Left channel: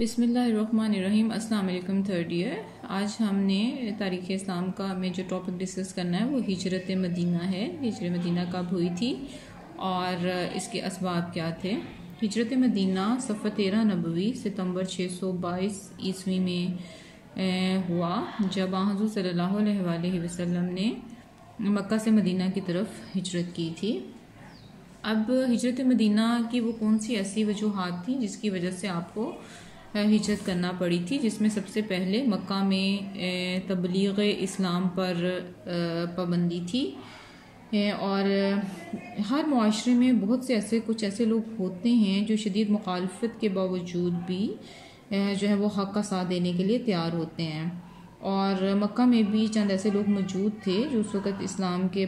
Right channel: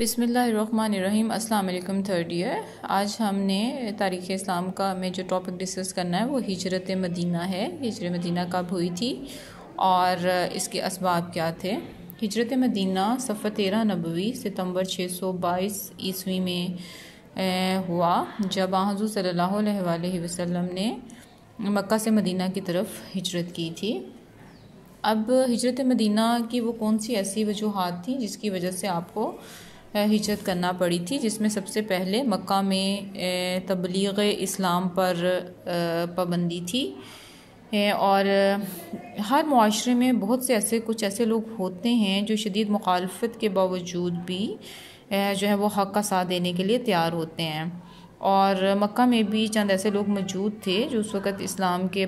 بسم اللہ الرحمن الرحیم۔ السلام علیکم تھرڈ ایئر۔ آج ہم نے تاریخ اسلام کا میں جو ٹاپک ڈسکس کرنا ہے وہ ہجرت مدینہ ہے۔ ہجرت مدینہ کب ہوئی تھی اور اس کے اسباب کیا تھے۔ ہجرت مدینہ صفحہ 13 نبوی ستمبر 622 عیسوی میں ہوا، جب حضور صلی اللہ علیہ وآلہ وسلم نے مکہ سے مدینہ کی طرف ہجرت کی تھی۔ اب ہجرت مدینہ کی وہ کون سی ایسی وجوہات تھیں جس کی وجہ سے آپ کو ہجرت کرنا پڑی تھی، جس میں سب سے پہلے مکہ میں تبلیغ اسلام پر پابندی تھی، اور ہر معاشرے میں بہت سے کچھ ایسے لوگ ہوتے ہیں جو شدید مخالفت کے باوجود بھی جو ہے وہ حق کا ساتھ دینے کے لیے تیار ہوتے ہیں، اور مکہ میں بھی چند ایسے لوگ موجود تھے جو اس وقت اسلام کے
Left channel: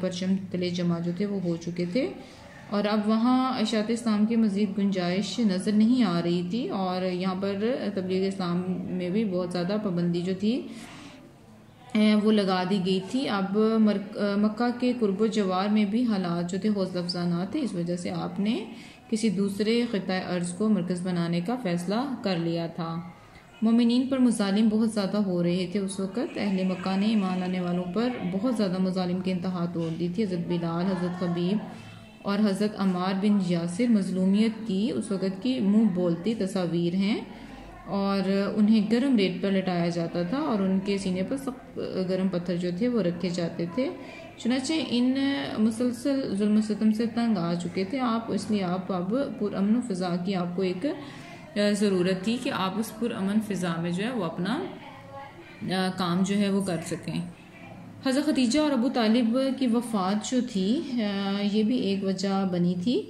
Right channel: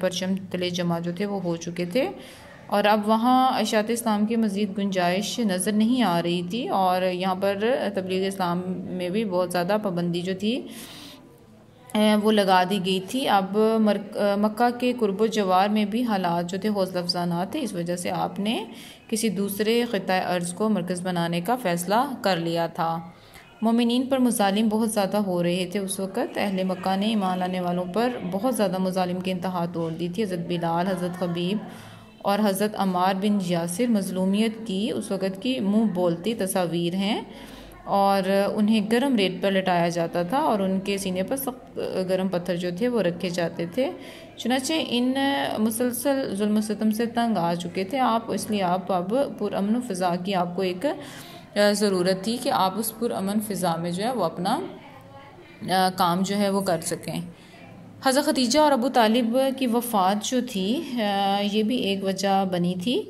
پرچم تلے جمع جو تھے وہ ہو چکے تھے، اور اب وہاں اشاعت اسلام کی مزید گنجائش نظر نہیں آ رہی تھی، اور یہاں پر تبلیغ اسلام میں بھی بہت زیادہ پابندی جو تھی وہ لگا دی گئی تھی۔ اب مکہ کے قرب و جوار میں بھی حالات جو تھے حوصلہ افزانہ تھے، اس وجہ سے آپ نے کسی دوسرے خطۂ ارض کو مرکز بنانے کا فیصلہ کر لیا تھا۔ مومنین پر مظالم بہت زیادہ ہو رہے تھے اس وقت۔ اہل مکہ نے ایمان لانے والوں پر بہت زیادہ مظالم کی انتہا توڑ دی تھی۔ حضرت بلال، حضرت خبیب اور حضرت عمار بن یاسر مظلومیت کی اس وقت کی منہ بولتی تصاویر ہیں، اور انہیں گرم ریت پر لٹایا جاتا تھا اور ان کے سینے پر سخت گرم پتھر جو تھے وہ رکھے جاتے تھے۔ چنانچہ ان مسلسل ظلم و ستم سے تنگ آ چکے تھے آپ، اس لیے آپ اب پرامن فضا کی آپ کو ایک ضرورت تھی کہ آپ اس پرامن فضا میں جو ہے وہ اپنا کام جو ہے وہ کر سکیں۔ حضرت خدیجہ اور ابو طالب کی وفات جو تھی یہ بھی ایک وجہ بنی تھی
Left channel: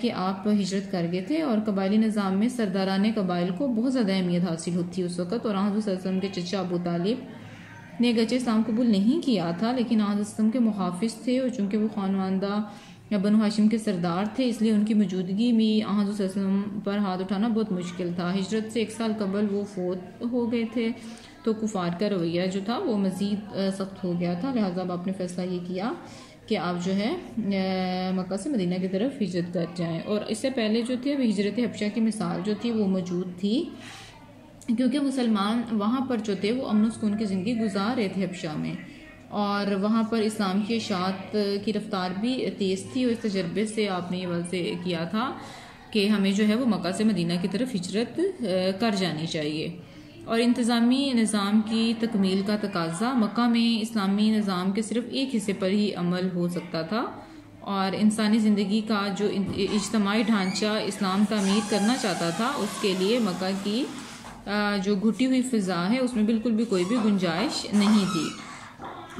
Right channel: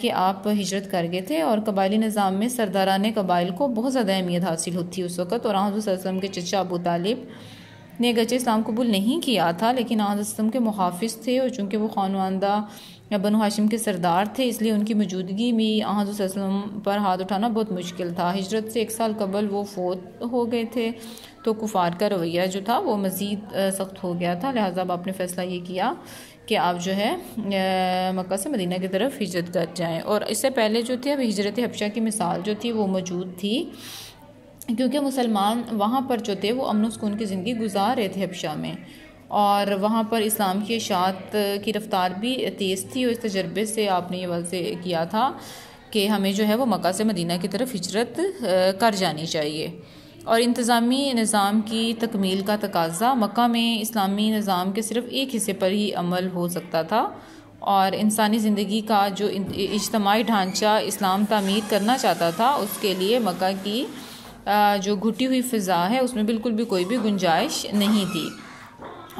کہ آپ ہجرت کر گئے تھے، اور قبائلی نظام میں سرداران قبائل کو بہت زیادہ اہمیت حاصل ہوتی اس وقت، اور حضرت صلی اللہ علیہ وسلم کے چچا ابو طالب نے گرچہ اسلام قبول نہیں کیا تھا لیکن حضرت وسلم کے محافظ تھے، اور چونکہ وہ خانواندہ بنو ہاشم کے سردار تھے اس لیے ان کی موجودگی میں حضرت صلی اللہ علیہ وسلم پر ہاتھ اٹھانا بہت مشکل تھا۔ ہجرت سے 1 سال قبل وہ فوت ہو گئے تھے، تو کفار کا رویہ جو تھا وہ مزید سخت ہو گیا تھا، لہٰذا آپ نے فیصلہ یہ کیا کہ آپ جو ہے مکہ سے مدینہ کی طرف ہجرت کر جائیں۔ اور اس سے پہلے جو تھے اب ہجرت حبشہ کی مثال جو تھی وہ موجود تھی، کیونکہ مسلمان وہاں پر جو تھے وہ امن و سکون کی زندگی گزار رہے تھے حبشہ میں، اور وہاں پر اسلام کی اشاعت کی رفتار بھی تیز تھی، اور اس تجربے سے آپ نے یہ واضح کیا تھا کہ ہمیں جو ہے وہ مکہ سے مدینہ کی طرف ہجرت کر جانی چاہیے۔ اور انتظامی نظام کی تکمیل کا تقاضا، مکہ میں اسلامی نظام کے صرف ایک حصے پر ہی عمل ہو سکتا تھا، اور انسانی زندگی کا جو اجتماعی ڈھانچہ اسلام تعمیر کرنا چاہتا تھا اس کے لیے مکہ کی جو گھٹی ہوئی فضا ہے اس میں بالکل بھی کوئی بھی گنجائش نہیں تھی،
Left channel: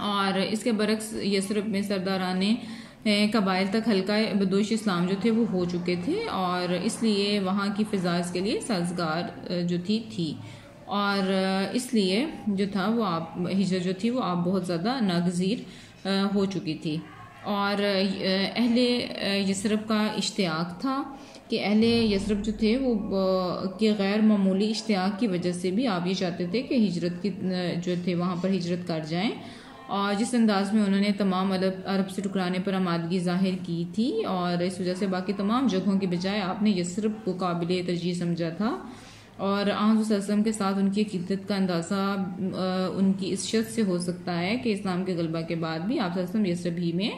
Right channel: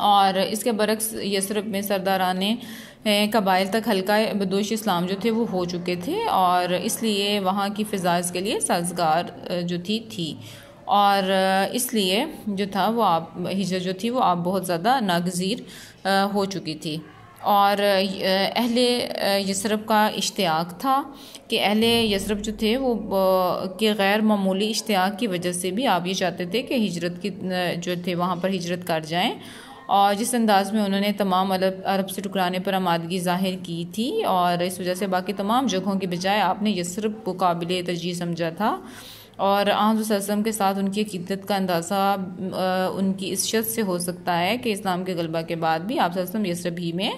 اور اس کے برعکس یثرب میں سرداران قبائل تک حلقہ بدوش اسلام جو تھے وہ ہو چکے تھے، اور اس لیے وہاں کی فضا اس کے لیے سازگار جو تھی، اور اس لیے جو تھا وہ ہجرت جو تھی وہ آپ بہت زیادہ ناگزیر ہو چکی تھی۔ اور اہل یثرب کا اشتیاق تھا کہ اہل یثرب جو تھے وہ کہ غیر معمولی اشتیاق کی وجہ سے بھی آپ یہ چاہتے تھے کہ ہجرت کی جو تھے وہاں پر ہجرت کر جائیں، اور جس انداز میں انہوں نے تمام عرب سے ٹکرانے پر آمادگی ظاہر کی تھی، اور اس وجہ سے باقی تمام جگہوں کے بجائے آپ نے یثرب کو قابل ترجیح سمجھا تھا، اور حضرت صلی اللہ علیہ وسلم کے ساتھ ان کی عقیدت کا اندازہ ان کی اس شرط سے ہو سکتا ہے کہ اسلام کے غلبہ کے بعد بھی آپ صلی اللہ علیہ وسلم یثرب ہی میں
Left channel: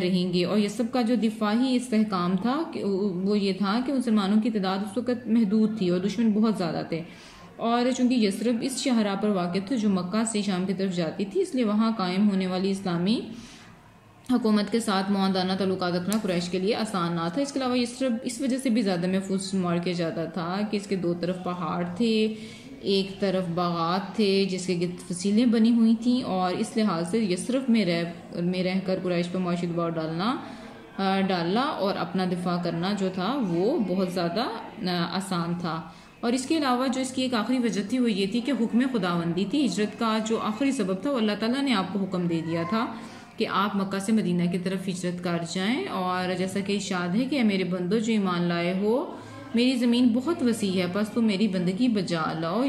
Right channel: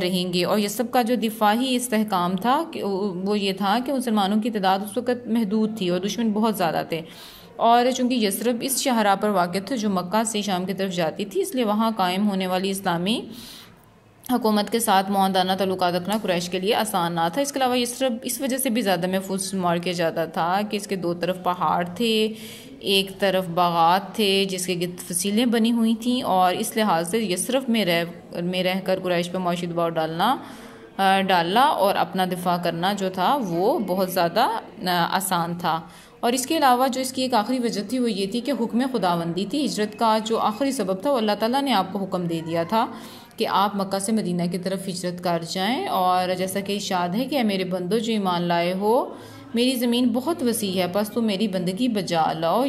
رہیں گے۔ اور یثرب کا جو دفاعی استحکام تھا وہ یہ تھا کہ مسلمانوں کی تعداد اس وقت محدود تھی اور دشمن بہت زیادہ تھے، اور چونکہ یثرب اس شاہراہ پر واقع تھا جو مکہ سے شام کی طرف جاتی تھی، اس لیے وہاں قائم ہونے والی اسلامی حکومت کے ساتھ معاہدانہ تعلقات رکھنا قریش کے لیے آسان نہ تھا۔ اس کے علاوہ یثرب اس وجہ سے بھی زیادہ محفوظ شمار کیا جاتا تھا کہ اس کے 2 طرف پہاڑ تھے، ایک طرف باغات تھے جس کے گرد فصیلیں بنی ہوئی تھیں، اور اس لحاظ سے یثرب میں رہ کر قریش پہ معاشی دباؤ ڈالنا اور اپنا دفاع کرنا جو تھا وہ بہت زیادہ آسان تھا۔ اور اس کے علاوہ جو اس کی ایک آخری وجہ تھی وہ یہ تھی کہ حکم خداوندی تھی۔ ہجرت کا جو آخری سبب تھا وہ اللہ تعالیٰ نے آپ کو حکم دے دیا تھا کہ آپ مکہ سے مدینہ کی طرف ہجرت کر جائیں، اور جیسا کہ ارشاد ہے کہ اے میرے بندو جو ایمان لائے ہو، میری زمین بہت وسیع ہے، بس تم میری بندگی بجا لاؤ،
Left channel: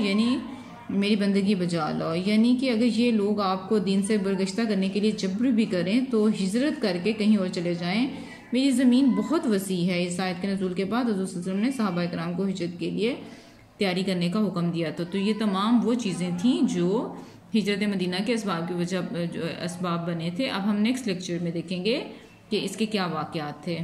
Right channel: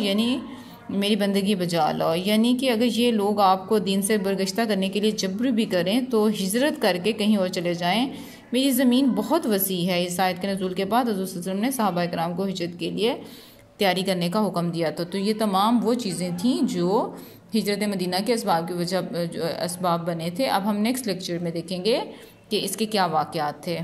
یعنی کہ اگر یہ لوگ آپ کو دین سے برگشتہ کرنے کے لیے جبر بھی کریں تو ہجرت کر کے کہیں اور چلے جائیں، میری زمین بہت وسیع ہے. اس آیت کے نزول کے بعد حضور صلی اللہ علیہ وسلم نے صحابہ کرام کو ہجرت کے لیے تیاری کرنے کا حکم دیا تھا. تو یہ تمام وہ چیزیں تھیں جو ہجرت مدینہ کے اسباب کی وجہ اسباب بنے تھے. اب ہم نیکسٹ لیکچر میں دیکھیں گے کہ اس کے کیا واقعات تھے.